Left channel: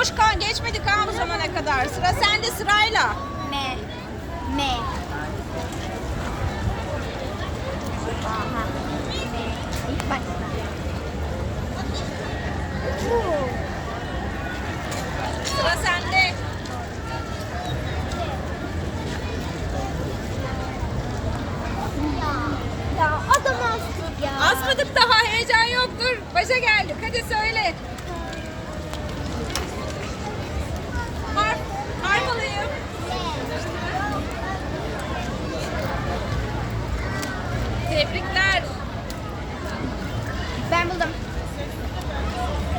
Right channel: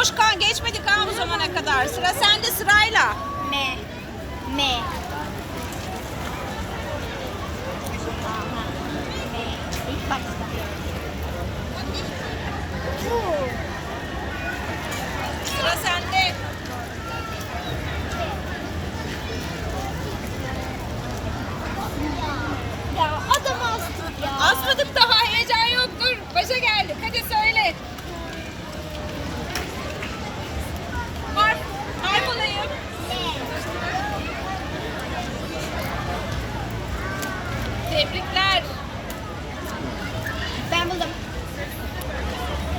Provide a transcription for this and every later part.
Boş kan geçmedik ha bu zamana kadar. Sıra sende sırayla. M. M. Aha. M. İlk başta. Bu. Sıra sende. Ya adam ya. Asmadık daha heyecan yoktur. Başa geldik. Hadi söyle. Harf, harf alayım. Tebrikler. Ben buldum.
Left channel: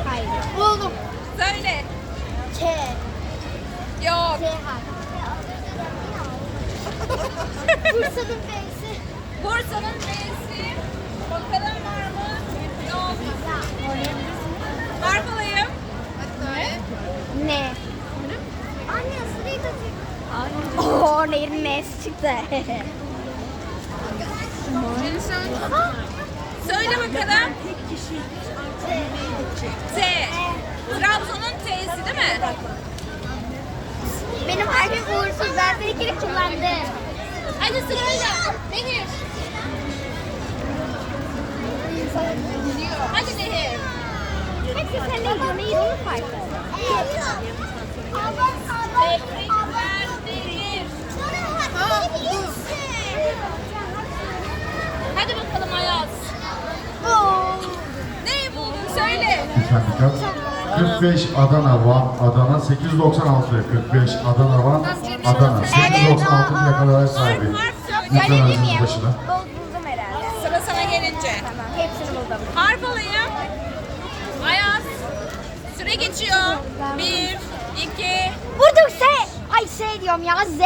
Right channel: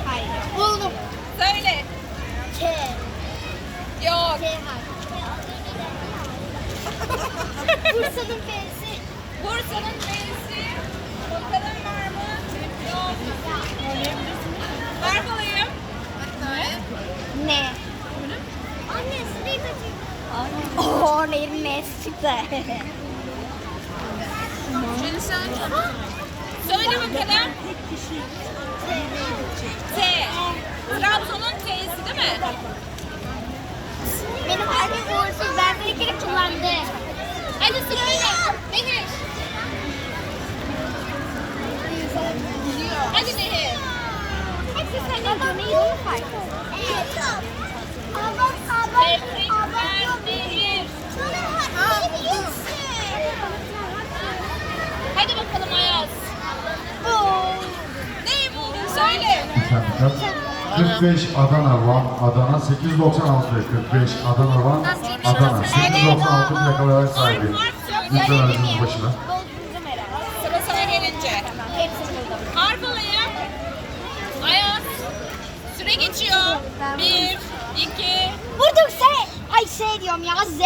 Hayır. Buldum. Söyle. K. Yok. K harfi. Bursa'nın F'si. Bursa'nın C'si. Bakalım var mı? Yok. Harf alayım. Ne? Anne sırayı Oo, nehrin N'si çıktı. Söyle bakalım. T. Trabzon'un T'si değil mi? Benim kalbim uğursuz. Ben bir kere kullandı. Hadi sırayla. Nehir. Hadi Nehir. Hepsi senin döneyi farklı. Tebrikler Nehir. Hadi bakalım Ayaz. Ne bu? Söyle. 45 Adana Van Adana 896 45 Adana Van Adana 896 plakalar sahibi. Harf söyle. Lütfen aracınız başına. Buldum herhalde. Sıra sana gelince. Tamam. Hepsini buldum. Harf alayım. Ayaz. Süre geçiyor. Bir, iki, Buldum S. Ay S diyorum ya Z.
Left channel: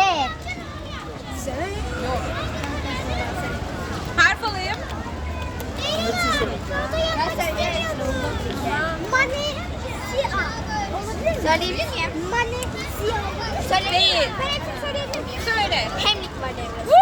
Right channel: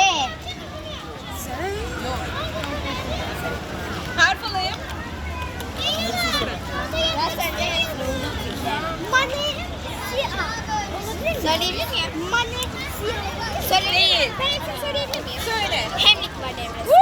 harf alayım. Mani Söyleyebilir miyim? Mani Değil. Ben hepsini söyleyebilir miyim? Söyle. Hemlik var devresi.